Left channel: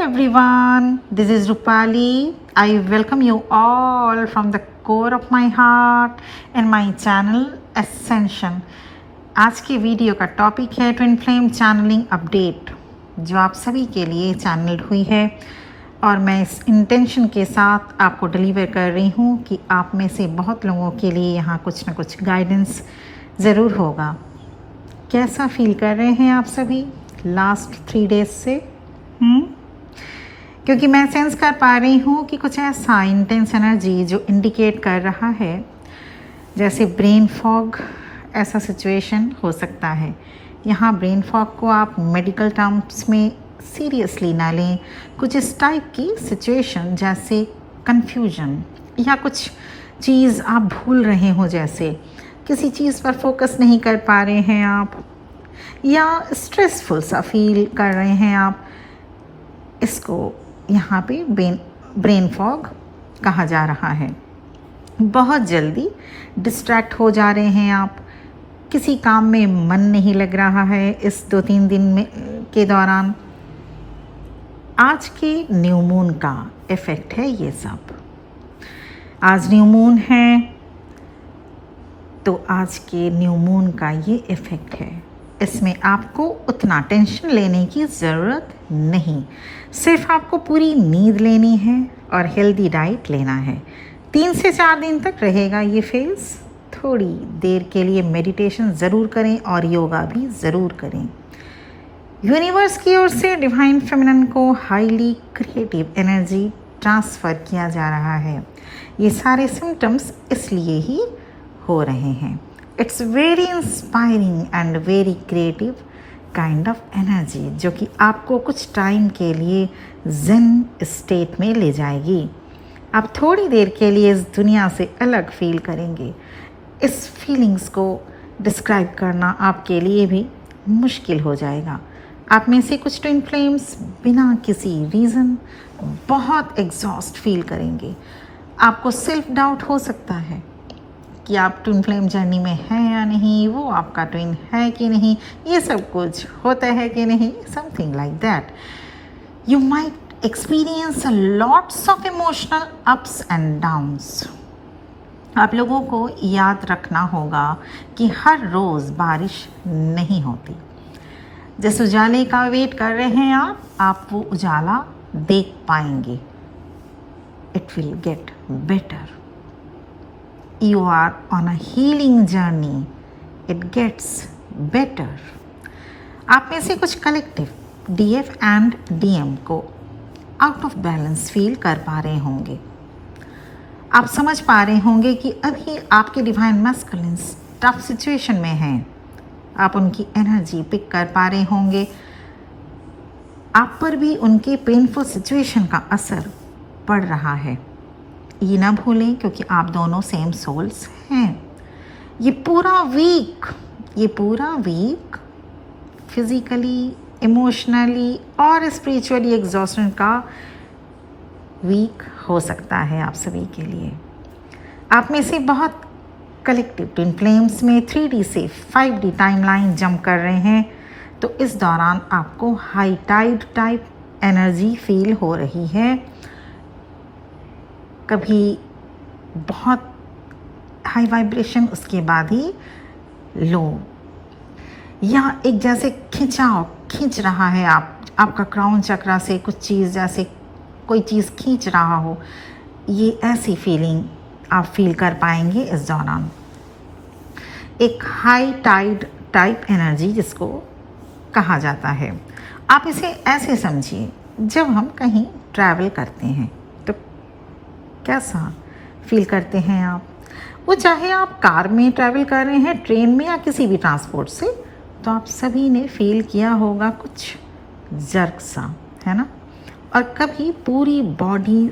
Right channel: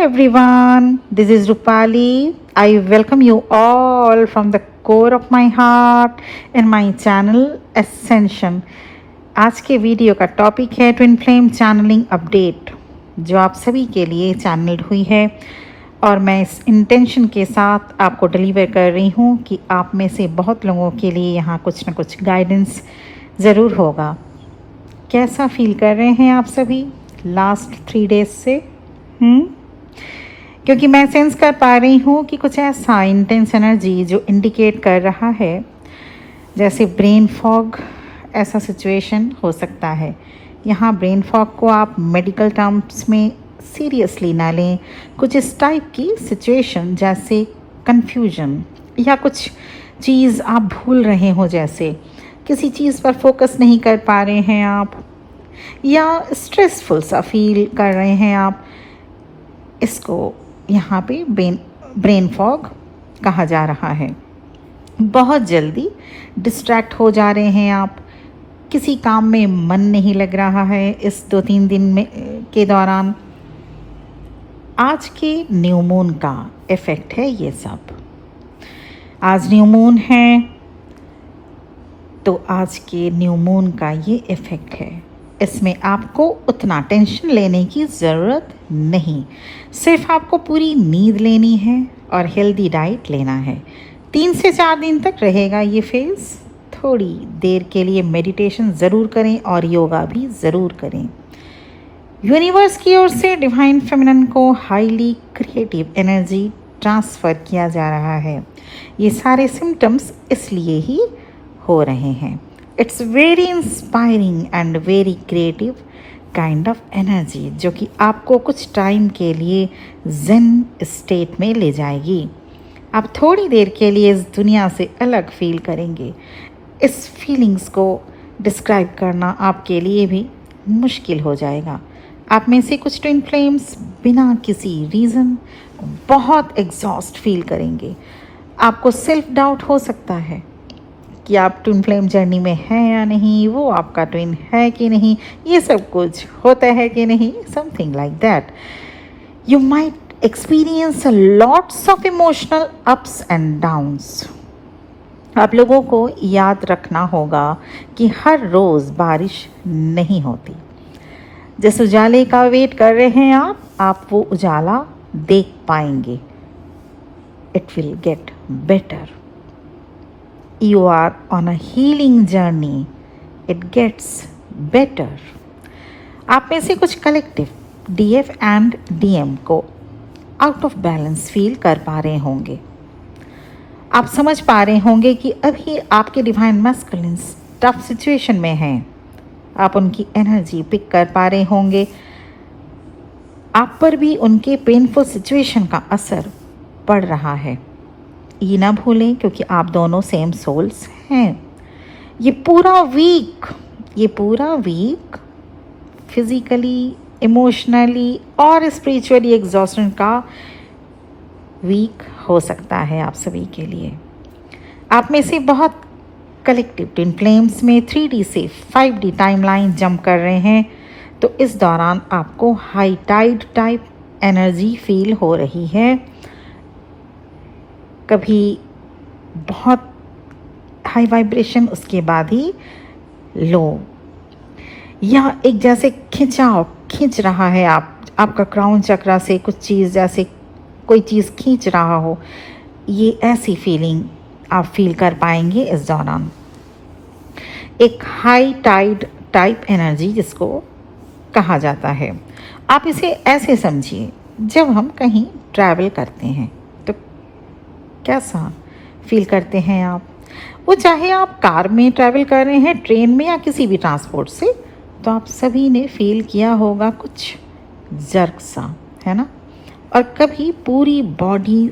everyone, this is Rupali. I welcome you all from the core of my heart in my channel Ascension. आज के video का topic है twin flame channelling update, जो आप सभी के लिए चैनल्ड हुई है और मैं इस इंटेंशन के साथ आपको डिलीवर कर रही हूँ कि आप में से बहुत लोगों के लिए यहाँ कुछ ना कुछ गाइडेंस ज़रूर होगा। कैसा फील कर रहे हैं आप सभी लास्ट 3 डेज से? क्योंकि मैं सेंस कर पा रही हूँ कि कुछ ऐसा इंटेंस एनर्जी जो इंडिकेट कर रहा है जैसे ब्रेन फॉग, ऐसा सिचुएशन हो सकता है। यहाँ ब्रेन फॉग को आप मेडिकल टर्म्स में सीरियसली ना लें। कुछ इस टाइप की सिचुएशन जैसे कंफ्यूजन या कुछ चीज़ आप भूल रहे हो, जैसे किसी चीज़ पर फोकस नहीं कर पा रहे हैं आप, या स्ट्रेसफुल सा फील कर रहे हैं आप, इसको यहाँ पे ब्रेन फॉग कहा जा रहा है। बहुत जल्दी डिस्ट्रैक्ट हो जा रहे हैं आप, किसी काम में मन नहीं लग रहा है इस 2-3 दिन में के दौरान। आज के न्यू मून का इफ़ेक्ट है ये सब। आज न्यू मून है तो आज के न्यू मून का ये इफ़ेक्ट है। इसमें आपको उतना टेंशन लेने की ज़रूरत नहीं, सिर्फ आपको पूरी नींद लेनी है और हेल्दी डाइट लेना है। 3 से 4 दिन तक रहेगा ये फेज़। थोड़ी देर के लिए मेडिटेशन ज़रूर करें और योगा भी ज़रूर करें। यूनिवर्स की ओर से डिवाइन फेमिनिन को हाईली क्रिएटिव एनर्जी ट्रांसफ़र किया जा रहा है। ये सारे सिम्टम्स इसलिए ही हो रहे हैं। It's very inspiring and very creative kind of energy, जो कि आपको कुछ टाइम के लिए ज़ेन स्टेट में ले जाएगी। आप थोड़ी देर के लिए इस दुनिया से अलग फील करेंगे। इस फीलिंग्स को डिस्क्राइब करना आपके लिए भी मुश्किल हो जाएगा। आप में से कुछ ट्विन फ्लेम्स बिना किसी रीज़न बहुत एग्जॉस्ट फील करेंगे। आपको सेल्फ डाउट हो सकता है कि आप ट्विन फ्लेम जर्नी में हैं या नहीं, वो आपका ट्विन है कि नहीं, ये सब कुछ होता है कि नहीं, something like that. You might experience lots of emotional ups and downs. आप लोगों को याद रखना होगा कि हर रोज़ बारिश नहीं होती। जिस उजाले का वेट कर रहे हैं आप वो उजाला देख पाएंगे। It will get better. You are on a healing journey. It gets better. आप में से कुछ कलेक्टिव DF एंड DM को आउट ऑफ बैलेंस फील कर पा रहे होंगे। आप समझ पा रहे होंगे कि अभी आपके डिवाइन मैस्कुलिन्स टफ सिचुएशन में हैं। आप उनकी एनर्जी पिक कर पा रहे होंगे। आप पर भी उनके पेनफुल सिचुएशन का असर पड़ रहा है। ये ना भूलें, क्योंकि आप दोनों सेम सोल्स हैं। ये पूरा वीक फिजिकली, इमोशनली और स्पिरिचुअली एग्जॉस्टन का वीक हो सकता है आप सभी के लिए। आप में से बहुत कलेक्टिव ट्विन फ्लेम्स में 3D से 5D टाइमलाइन जंप कर रहे हैं, तो इस दौरान आपको high tide type energy feel हो रही है। कभी बहुत हाई वाइब्रेशन, उसके बाद ही लो, या एक जैसे खींच रहा है आपका क्राउन चक्रा से कुछ चीज़, जैसे कोई चीज़ खींच रहा हो। ये ऐसी फीलिंग आप फील कर पाएंगे इस दौरान। एक हाई टाइड टाइप एनर्जी जिसको कहा जाता है। आप इसे ऐसे समझिए, जब हम कहीं ट्रैवल करते हैं तो कैसा फील करते हैं आप? वो चाहे आप कार में ट्रैवल कर रहे हैं, ट्रेन में, या किसी भी ट्रांसपोर्ट से, तो आप सभी ने फील किया होगा कुछ जर्क सा, है ना? और कभी पूरी बॉडी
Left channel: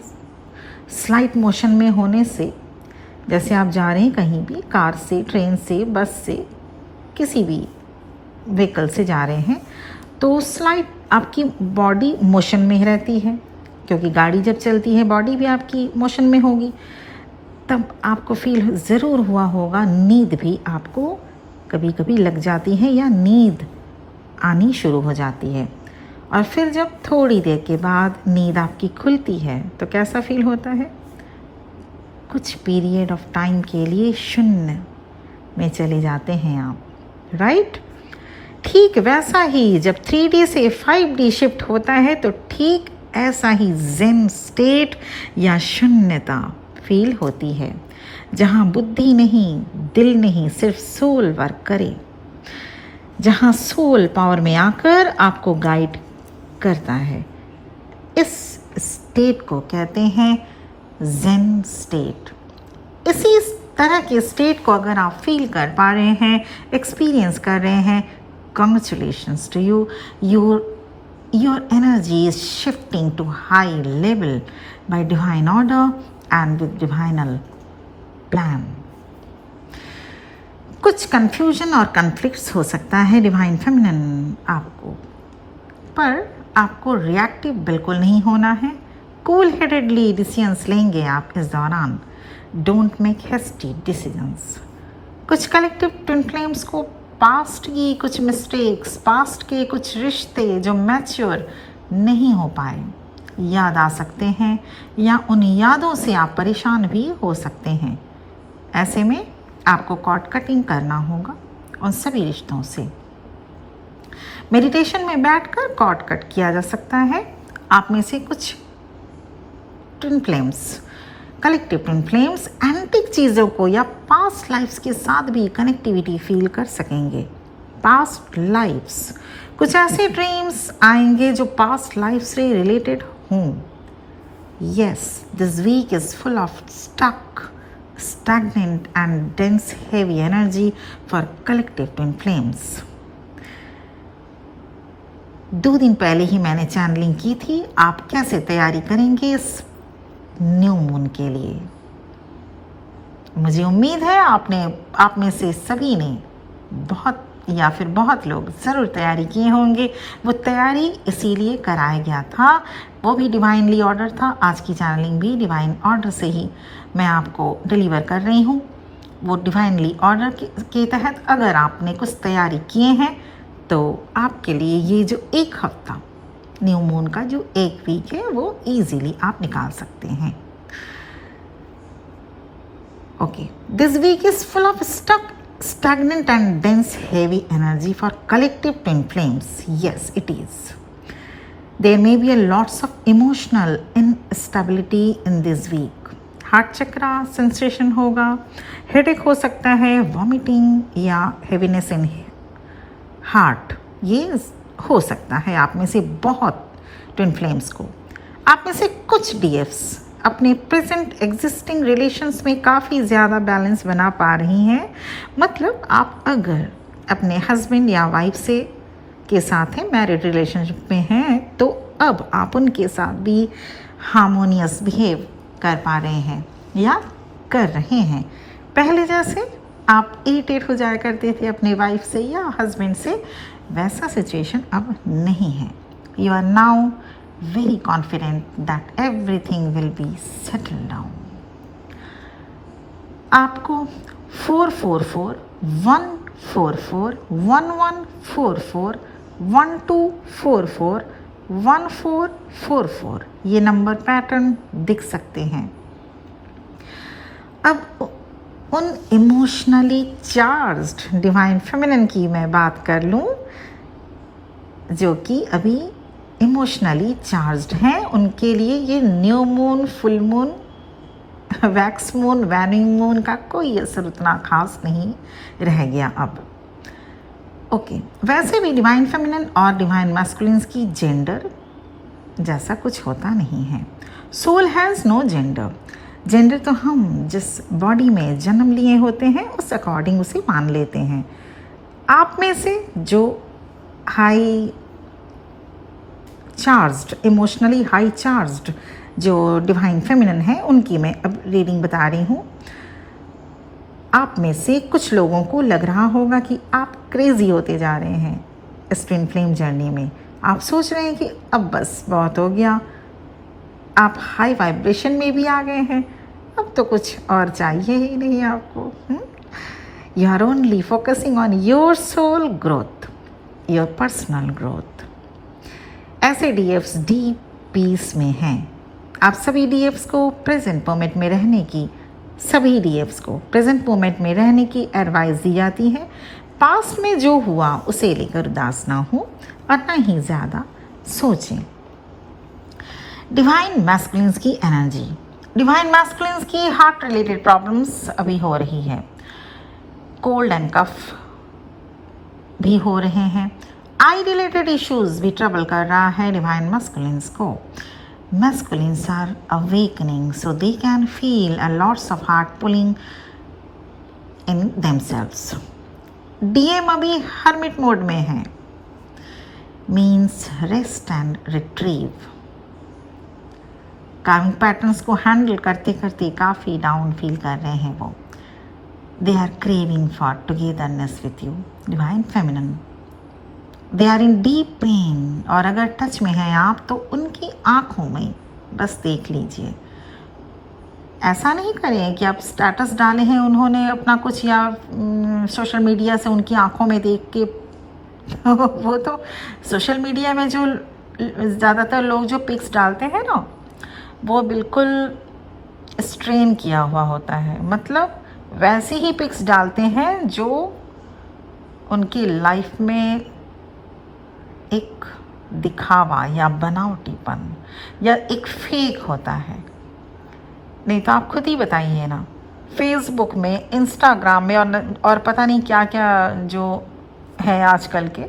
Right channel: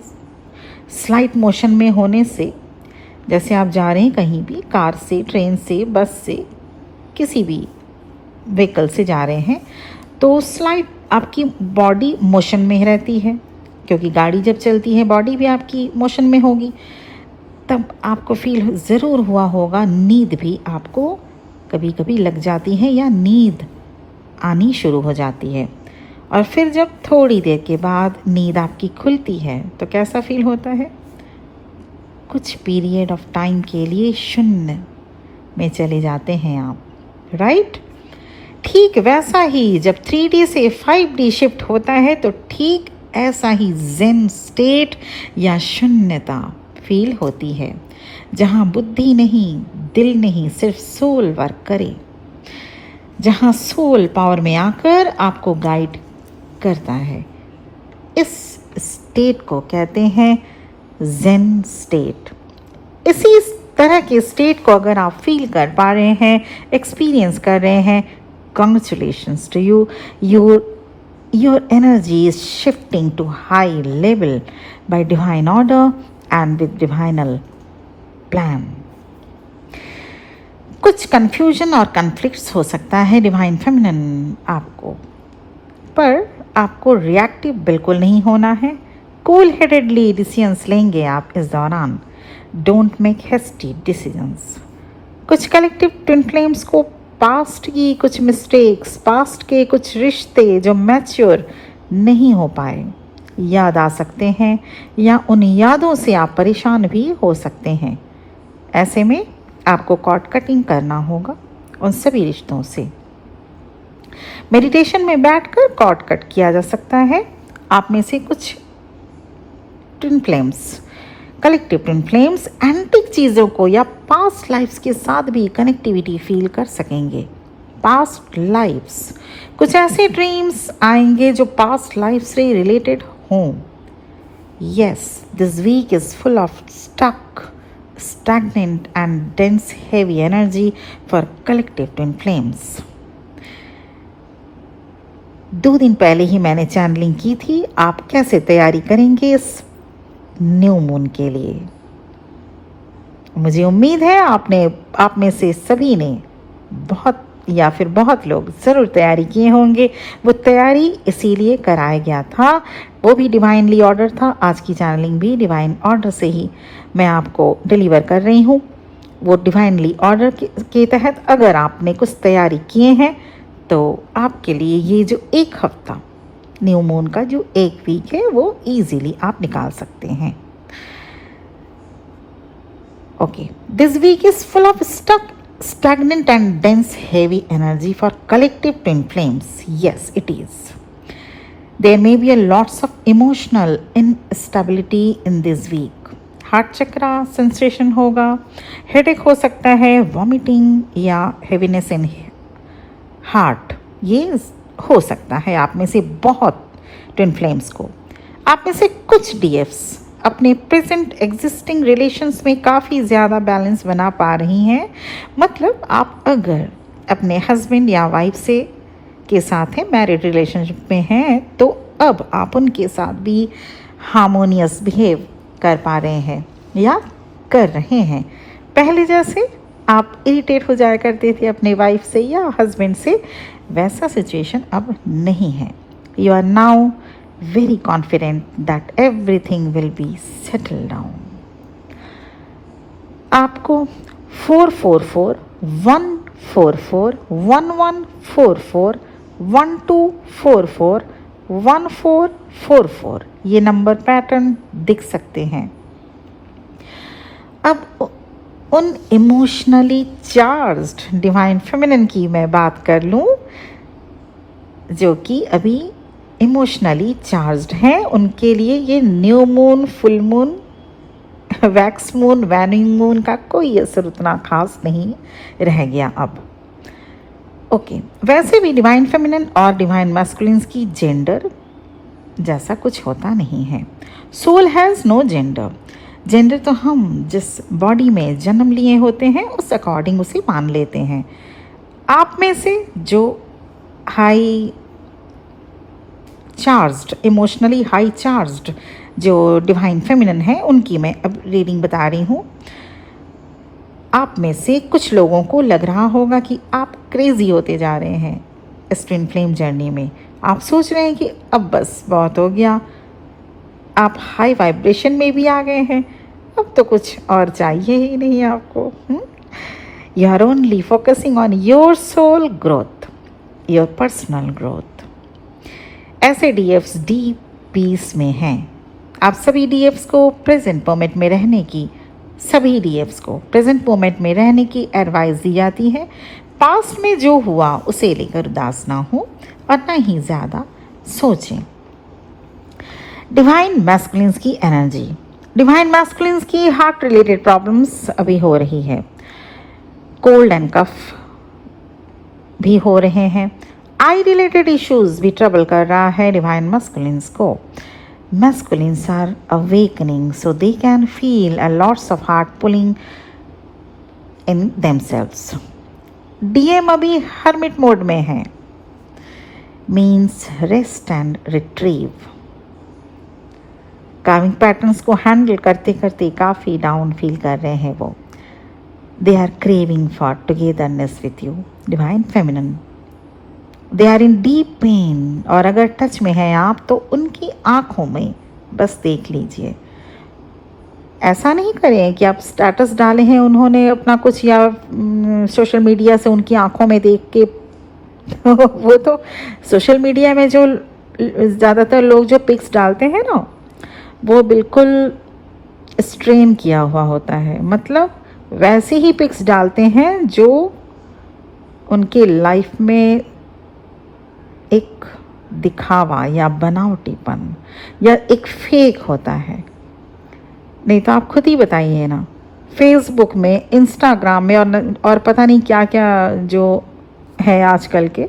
स्लाइट मोशन में होने से, जैसे आप जा रहे हैं कहीं भी, कार से, ट्रेन से, बस से, किसी भी व्हीकल से जा रहे हैं, तो स्लाइट आपकी बॉडी मोशन में रहती है, क्योंकि गाड़ी जब चलती है बॉडी भी आपकी मोशन में होगी। तब आपको फील ज़रूर हुआ होगा, नींद भी आपको कभी कभी लग जाती है या नींद आनी शुरू हो जाती है। और फिर जब थोड़ी देर के बाद नींद आपकी खुलती है तो कैसा फील होता है? कुछ पीरियड ऑफ टाइम के लिए शून्य में चले जाते हैं आप, राइट? ठीक वैसा ही जब 3D से 5D शिफ्ट होता है तो ठीक ऐसा ही ज़ेन स्टेट या शून्यता फील होती है, जहाँ बुद्धि नहीं, दिल नहीं, सिर्फ सोल वर्क करे, जहाँ सोल पावर में आकर आपको गाइड करता है। इस स्टेट को कहते हैं ज़ेन स्टेट। इसी तरह के स्टेट को अगर आप फील कर पा रहे हैं, एक्सपीरियंस कर रहे हैं, congratulations to you. Your energy is shifting to high level by divine order and with divinal plan. कुछ कंफ्यूजन और कन्फ्लिक्ट्स हो सकता है डिवाइन फेमिनिन आपको, पर आपको रिएक्टिव बिल्कुल नहीं होना है। कूल हेडेडली डिसीजंस लेंगे आप इस दौरान। Don't make hasty decisions. कुछ कलेक्टिव ट्विन फ्लेम्स को पास्ट की कुछ मिस्टेक्स, पास्ट के कुछ रिश्ते जो मैच्योर नहीं हो पाए याद आ सकते हैं, या उन यादों से आप परेशान भी हो सकते हैं। ऐसे में आपको कॉर्ड कटिंग करना होगा उन सभी रिश्तों से। मेडिटेशन में बैठकर कॉर्ड कट किया जा सकता है। आप में से कुछ twin flames, collective twin flames antique चीज़ों को या पास्ट लाइफ्स के साथ भी कनेक्टिविटी फील कर सकेंगे। पास्ट लाइफ्स, कुछ ऐसे ड्रीम्स आएंगे जो पास्ट लाइफ से रिलेटेड हों। Yes, this week is full of stuck, stagnant and dense heavy energy for collective twin flames. 2 दिन पहले ही मैंने चैनलिंग की थी। आप कैसे तैयारी करेंगे इस न्यू मून के लिए? मुझे उम्मीद है आप में से सभी ने बहुत लोग ज़रूर तैयारी किए होंगे। वो तैयारी इसीलिए कराया गया था, वो भी डिवाइनली ऑर्डर था। आज की चैनलिंग भी डिवाइन ऑर्डर से ही मैं आपको डिलीवर कर रही हूँ। वो डिवाइनली ऑर्डर के तहत अगर आपने कुछ तैयारी किए हैं तो आपके लिए ये जो 1 हफ्ता न्यू मून का जो 1 वीक है वो इजीली आप निकाल सकते हैं। Okay, this week is full of stagnant and dense heavy energy for collective twin flames. Yes, it is. There may be a lots of emotional instability in this week. Heart chakra sensation होगा, headache हो सकता है, vomiting या heaviness in heart, ये हो सकता है आप में से बहुत ट्विन फ्लेम्स को। आप में से कुछ डीएफ्स अपने प्रेजेंट एग्जिस्टिंग रिलेशंस में काफ़ी ज़्यादा बैलेंस बना पा रही हैं। मतलब आप अगर अपने हस्बैंड या वाइफ से के साथ हैं, मैरिड रिलेशनशिप में हैं, तो अब आप उनके साथ भी हार्मोनियस बिहेव कर पा रहे हैं या कर रहे हैं। पहले जैसे आप इरिटेट हो जाया करते थे अपने वाइफ से या हस्बैंड से, वैसा सिचुएशन अब नहीं है। You are now very confident that everything will be settled down. आपको 444 144 1144 1244 1444 ये नंबर पैटर्न दिख सकते हैं। अब उन इमोशनली चार्ज्ड डिवाइन फेमिनिन की मैं बात कर लूं जो कि अभी इमोशनली चार्ज्ड हैं, उनके लिए ये new moon, full moon, wax moon, waning moon का कोई असर उतना खास नहीं रह गया अब। ओके, वैसे भी डिवाइन फेमिनिन और डिवाइन मैस्कुलिन्स की जेंडर जैसा कुछ होता नहीं है। Soul has no gender. Gender तो हम जिस बॉडी में जन्म लिए होते हैं उस अकॉर्डिंग उसे मान लेते हैं। आप में से जो high charged, emotionally high charged जो डिवाइन फेमिनिन है, उनकी मैं अब रीडिंग बता रही हूँ। आप में से कुछ लोगों को लग रहा होगा कि आप क्रेजी होते जा रहे हैं इस ट्विन फ्लेम जर्नी में। आप सोच रहे हैं कि अब बस बहुत हो गया, आप हाई वाइब्रेशन में भी आ गए हैं, अब तो कुछ और चाहिए ही नहीं आपको। You are only focusing on your soul growth, your personal growth. ऐसे डीएफ्स डीप पीस में हैं। आप सभी डीएफ्स को प्रेजेंट मोमेंट में रहने की सभी डीएफ्स को प्रेजेंट मोमेंट में रहने की एडवाइस दी जाती है। पास्ट में जो हुआ उसे लेकर उदास ना हो और न ही ज़्यादा सोचें। डिवाइन मैस्कुलिन्स की एनर्जी। डिवाइन मैस्कुलिन्स की हार्ट रिलेटेड प्रॉब्लम्स अभी हो रही है। कोल्ड एंड कफ भी हो रहे हैं। आई रिलेटेड इश्यूज भी ट्रबल कर रहा है डिवाइन मैस्कुलिन्स को। Masculines are awakening, so they can feel a lots of heart pulling in themselves. DM अभी hermit mode में है, means rest and retrieve. कार्मिक पैटर्न्स को हैंडल करते करते काफ़ी डाउन फील कर रहे हैं वो। They are craving for togetherness with you, divine feminine. They are in deep pain, और अगर टच में है आप तो उनकी आंखों में बस देख लीजिए। ऐसा नहीं करें कि आप स्टेटस डाले हैं उन्होंने अपना कुछ या सोशल मीडिया से उनकी आंखों में देख के वो तो सोशल मीडिया में जो ज़्यादातर लोग जो पिक्स डालते हैं ना वो बिल्कुल स्ट्रेन किया हुआ होता है, मतलब वैसे ही पिक्स डालते हैं जो उनके लाइफ में एक दिखावा या बनावटीपन या एक फेक होता है। नहीं तो आप खुद ही बताइए ना, फेसबुक में, इंस्टाग्राम में और पता नहीं क्या क्या जो है आजकल के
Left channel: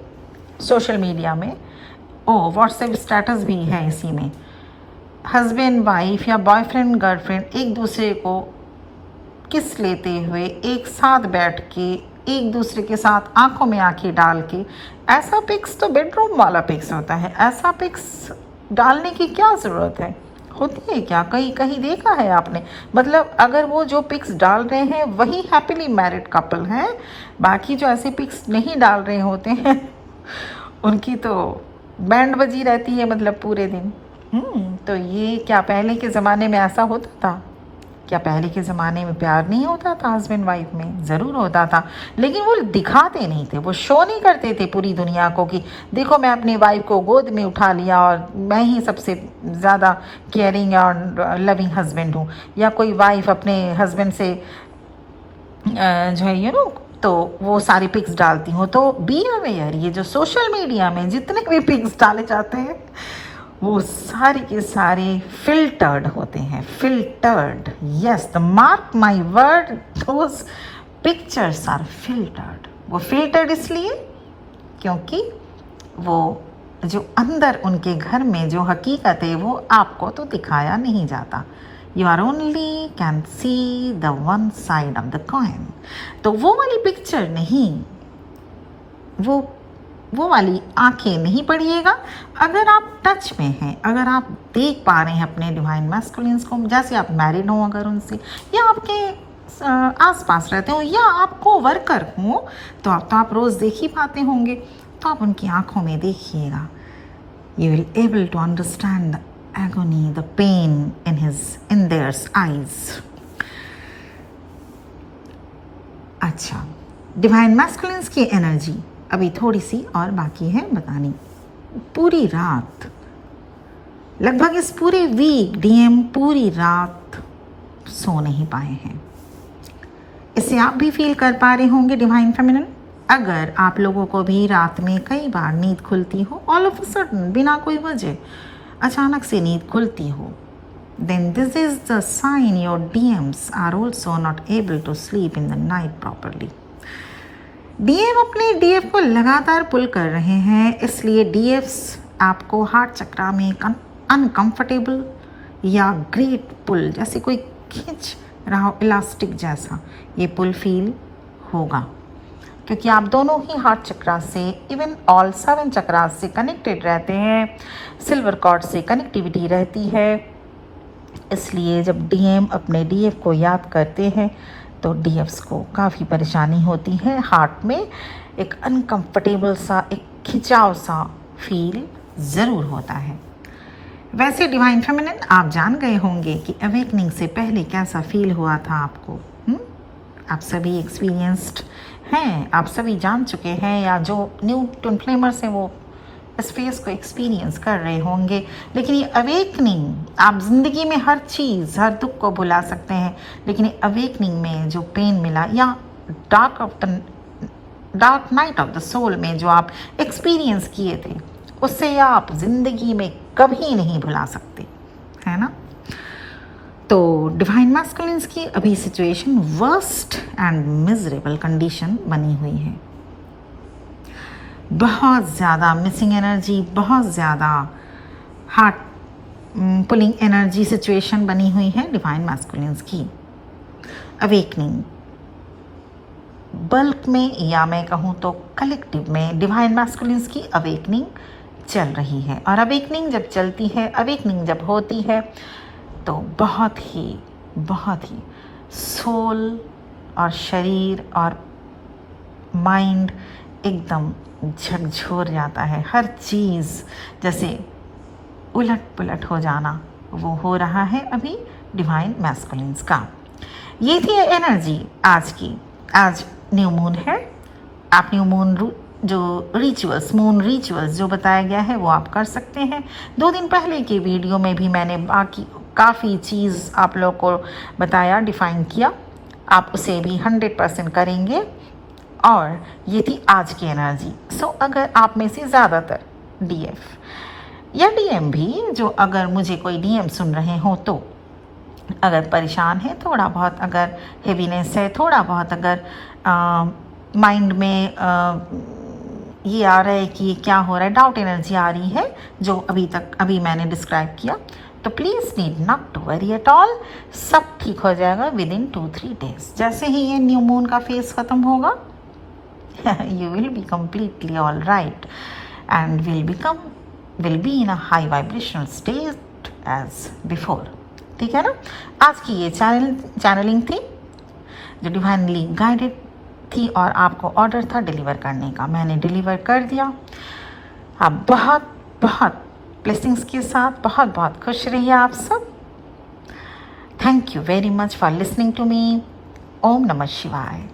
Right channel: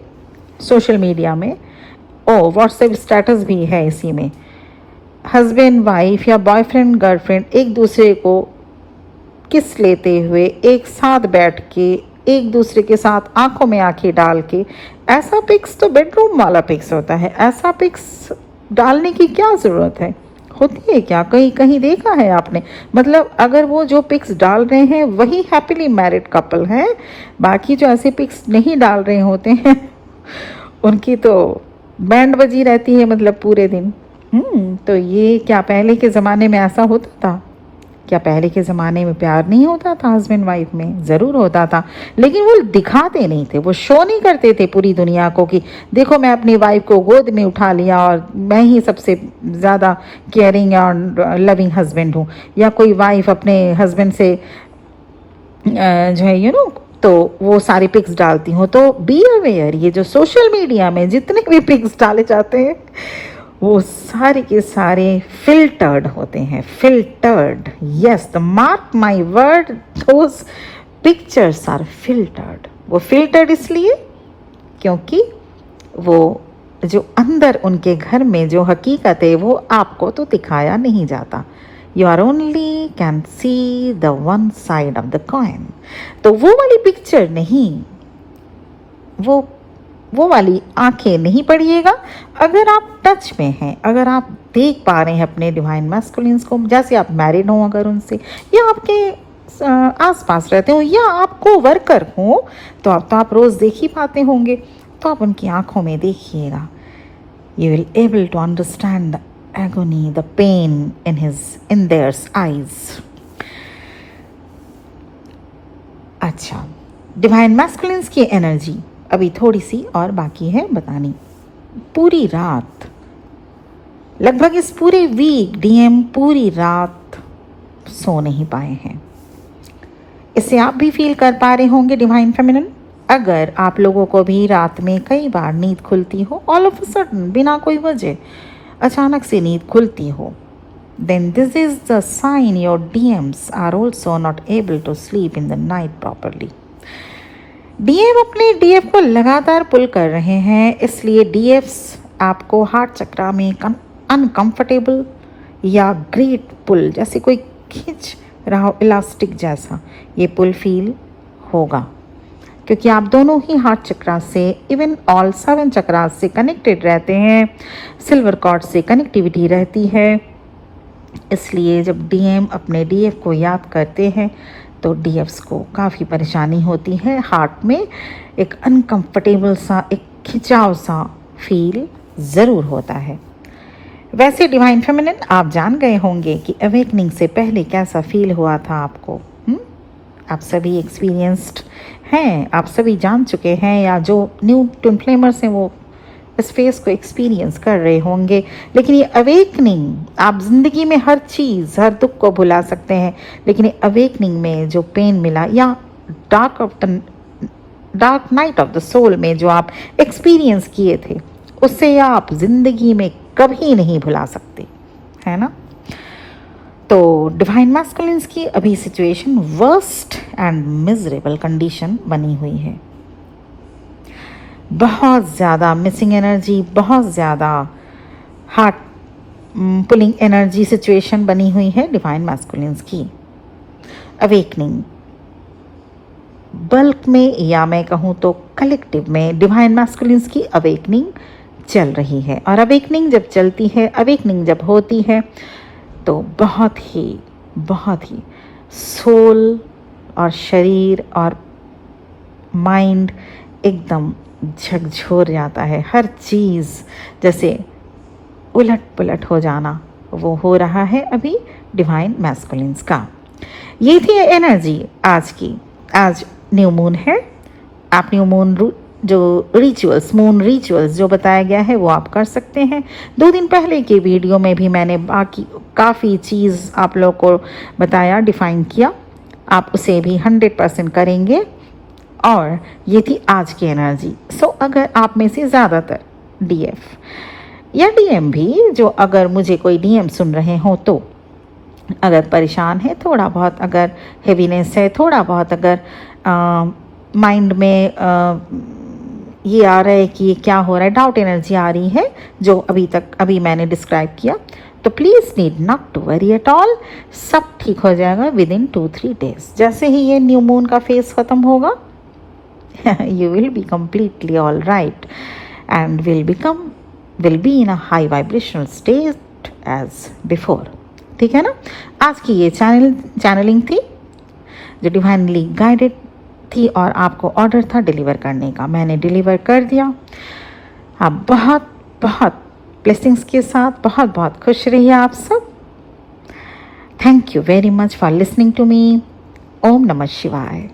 सोशल मीडिया में, व्हाट्सएप स्टेटस भी है इसी में। हस्बैंड वाइफ या बॉयफ्रेंड गर्लफ्रेंड एक दूसरे को किस लेते हुए एक साथ बैठ के एक दूसरे के साथ आंखों में आंखें डाल के, ऐसा पिक्स तो बेडरूम वाला पिक्स होता है। ऐसा पिक्स डालने की क्या ज़रूरत है? होती है क्या? कहीं कहीं देखा है आपने? मतलब अगर वो जो पिक्स डाल रहे हैं वही हैप्पीली मैरिड कपल है, बाकी जो ऐसे पिक्स नहीं डाल रहे होते हैं उनकी तो बैंड बजी रहती है, मतलब पूरे दिन। तो ये क्या पहले के ज़माने में ऐसा होता था? क्या पहले के ज़माने में प्यार नहीं होता था हस्बैंड वाइफ में? ज़रूर होता था, लेकिन वो दिखाते नहीं थे, वो शो नहीं करते थे पूरी दुनिया को कि देखो मैं अपनी वाइफ को गोद में उठा लिया और मैं ही सबसे ज़्यादा केयरिंग और लविंग हस्बैंड हूँ। या कोई वाइफ अपने हस्बैंड से जो है तो वो सारी पिक्स डालती हूँ। तो बी अवेयर, ये जो सोशल मीडिया में जितने भी पिक्स डाले जाते हैं वो सारे के सारे फिल्टर्ड होते हैं। Filtered, yes, the mark my word, those pictures are filtered. वो फिल्टर्ड इसलिए क्योंकि वो जो अंदर उनके घर में जो हकीकत है वो आपको तो दिखाया नहीं जाता। You are only can see the one side of the coin. तो वो वाली पिक्चर नहीं, वो वाली आंखें नहीं पड़िएगा। अगर आप टच में हैं, अगर आप देख पा रहे हैं अपने डिवाइन मैस्कुलिन्स को, जैसे आप मैरिड हो अगर उनसे, या आपके आसपास रहते हो, या आपको वर्कर हो, तो आप रोज़ देख ही पाते होंगे, तो आप उनकी आंखों में देखिएगा। You will able to understand the agony, the pain in theirs eyes. अच्छा, डिवाइन मैस्कुलिन्स की एनर्जी अभी थोड़ी सी और बाकी है बतानी। पूरी रात, लगभग इस पूरे वीक डीएम पूरी रात सो नहीं पाए हैं। इससे आप भी फील कर पा रहे होंगे डिवाइन फेमिनिन। अगर आप लोगों को भी रात में कई बार नींद खुलती हो, ऑल ऑफ अ सडन, बिना कोई वजह अचानक से नींद खुलती हो, then this is the sign your DMs are also not able to sleep in the night properly. DM अपने डीएफ को लगातार पुल कर रहे हैं, इसलिए डीएफ्स आपको हार्ट चक्रा में अनकंफर्टेबल या ग्रेट पुल, जैसे कोई खींच रहा हो इलास्टिक जैसा, ये पुल फील होगा, क्योंकि आप दोनों ही हार्ट चक्रा से, इवन ऑल 7 चक्रा से कनेक्टेड रहते हैं। सिल्वर कॉर्ड से कनेक्टिविटी रहती है। इसलिए जब डीएम अपने डीएफ को याद करते हैं तो डीएफ्स को काफ़ी परेशानी होती है, हार्ट में एक अनकंफर्टेबल सा, एक खिंचाव सा फील ज़रूर होता है। वैसे डिवाइन फेमिनिन, आप जान गए होंगे कि अवेकनिंग से पहले कैसा फील हुआ था आपको। आप सभी एक्सपीरियंस्ड हैं, आप सभी जान चुके हैं, या जो न्यू ट्विन फ्लेमर्स हैं वो इस फेज को एक्सपीरियंस कर रहे होंगे, लेकिन ये अवेकनिंग, आप जिंदगी में हर चीज़, हर दुख को भुला सकते हैं, लेकिन ये अवेकनिंग में जो पेन मिला या dark night of the soul में जो आप एक्सपीरियंस किए थे, उससे आप जिंदगी में कभी नहीं भुला सकते, है ना। तो डिवाइन मैस्कुलिन्स की अभी situation worst and miserable condition बनी हुई है। बहुत ज़्यादा मिसिंग एनर्जी, बहुत ज़्यादा हार्ट पुलिंग एनर्जी सिचुएशन बनी हुई है डिवाइन मैस्कुलिन्स की। अवेकनिंग बल्क में या मैं कहूँ तो कलेक्टिव में डिवाइन मैस्कुलिन्स की अवेकनिंग चल रही है। और अवेकनिंग जब चलती है, अवेकनिंग जब होती है, तो बहुत ही सोल और शरीर और माइंड एकदम झकझोर जाता है। हर चीज़ जैसे उलट पुलट हो जाना, वो हो रहा है अभी डिवाइन मैस्कुलिन्स का। ये थी एनर्जी आज की। आज न्यू मून है। आप न्यू मून जो रिचुअल्स, मून रिचुअल्स जो बताया गया है, वो आप कर सकते हैं। 2 दिन पहले के वीडियो में भी मैंने बाकी काफ़ी चीज़ आप लोगों को बताया, डिफाइन किया। आप उसे भी 100% करेंगे। और ये थी आज की एनर्जी। सो अगर आप में से ज़्यादातर डीएफ या डीएम भी, जो अगर मुझे कोई डीएम सुन रहे हो, तो अगर परेशान है थोड़ा बहुत, अगर हेवीनेस है थोड़ा बहुत, अगर माइंड में ये आ रहा है कि ये क्या हो रहा है, डाउट एनर्जी आ रही है जो अभी मैंने डिस्क्राइब किया, तो please need not to worry at all. सब ठीक हो जाएगा विद इन 2-3 डेज। जैसे ही ये न्यू मून का फेज खत्म होगा, you will be completely all right and will be in a high vibrational state as before। ठीक है ना। आज की ये चैनलिंग थी जो डिवाइनली गाइडेड थी और आपको ऑर्डर था डिलीवर करने का। मैंने डिलीवर कर दिया। आप बहुत बहुत ब्लेसिंग्स के साथ बहुत बहुत खुश रहिए आप सब। Thank you very much for listening to me. ओम नमः शिवाय।